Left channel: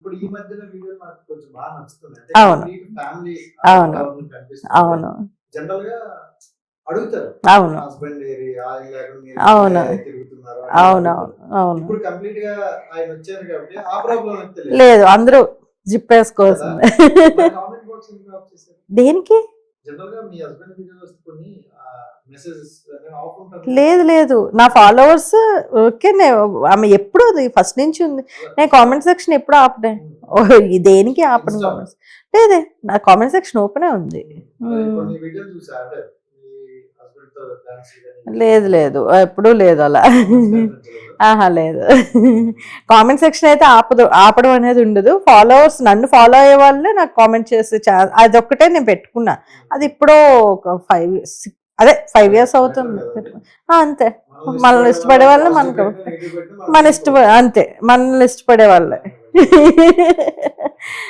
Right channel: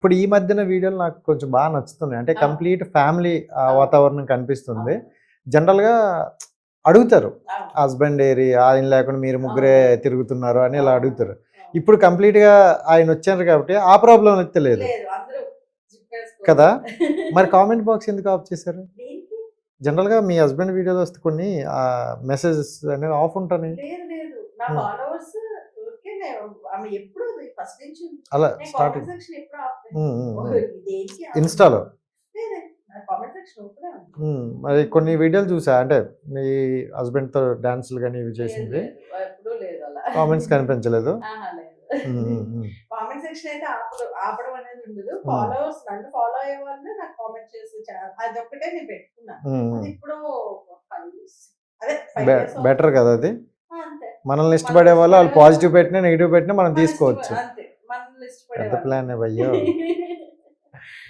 ఇప్పుడు ఈ మధ్యన వీడియోలు నాకు కొంచెం బాగా నచ్చుతున్నాయి. అంటే అవును. కంప్లీట్ ఫ్యామిలీ అవును. వాతావరణం కనిపిస్తుంది. అవును. జనరల్‌గా అడుగుతారు. అవును. హస్బెండ్ ఏరి? ఆయన లేకుండా మీరు ముగ్గురే అవును. తిరుగుతున్నారు అనేది అవునవును. అడుగుతారు. అవును. ఇప్పుడు కంప్లీట్‌గా ఆయనొచ్చారు కాబట్టి ఆ ప్రాబ్లమ్ అయితే లేదు. లేదు. అందరూ కదా! జిప్పేసుకోవాల్సిందే. మరి కామెంట్ బాక్స్ ఎందుకు ఆఫ్ చేశారు? దేనికి? జనరల్‌గా మీ హస్బెండ్ వీడియోలో వస్తే కొన్ని మెసేజెస్ అనేవి ఆఫ్ ఉంటున్నాయి. లేదు. లేదు. నా హ్మ్. ఫాలోవర్స్ ఓకేనే. ఆమె ఎప్పుడు అది ఫస్ట్ నుంచి ఉంది. అలా నేను కామెంట్ స్టార్టింగ్. సెక్షన్ ఎప్పుడు ఆపలే. హ్మ్. హ్మ్. ఓహ్! దేనికి ఆపను ఇన్‌స్టాలో. కామెంట్స్. లేదే. నా కామెంట్ సెక్షన్ ఓపెనే ఉంది. అది హ్మ్. కొన్ని వీడియోలు చూసా. అంటే మీ హస్బెండ్‌తో డాన్స్‌లు గాని ఇవి లేదు. చేసింది. లేదు. ఎప్పుడూ లేదు అలా. కామెంట్స్ కనిపించలేదు. ఆహా! లేదు. హుహుహు. కామెంట్ సెక్షన్ అయితే ఆపడం అనేది ఉండదు. హ్మ్. ఫాలోవర్స్ నన్ను ఫాలో అయ్యే వాళ్ళే నాకు కామెంట్ చేసే అదొక్కటే నేను పెట్టుకున్నా. అది హ్మ్. ఎప్పుడో ఒక 5 ఇయర్స్ బెటర్ అవుతుంది. కదా అది. అంతే. మనల్ని మనల్ని ఇష్టపడే వాళ్ళు ఇష్టపడే వాళ్ళే పాజిటివ్ మనకు పెట్టినా, నెగెటివ్ పెట్టినా మనం మన తీసుకోవచ్చు. అంతే. మనల్ని ఇష్టపడే బెటర్ వాళ్ళే. ప్లానే అయ్యో!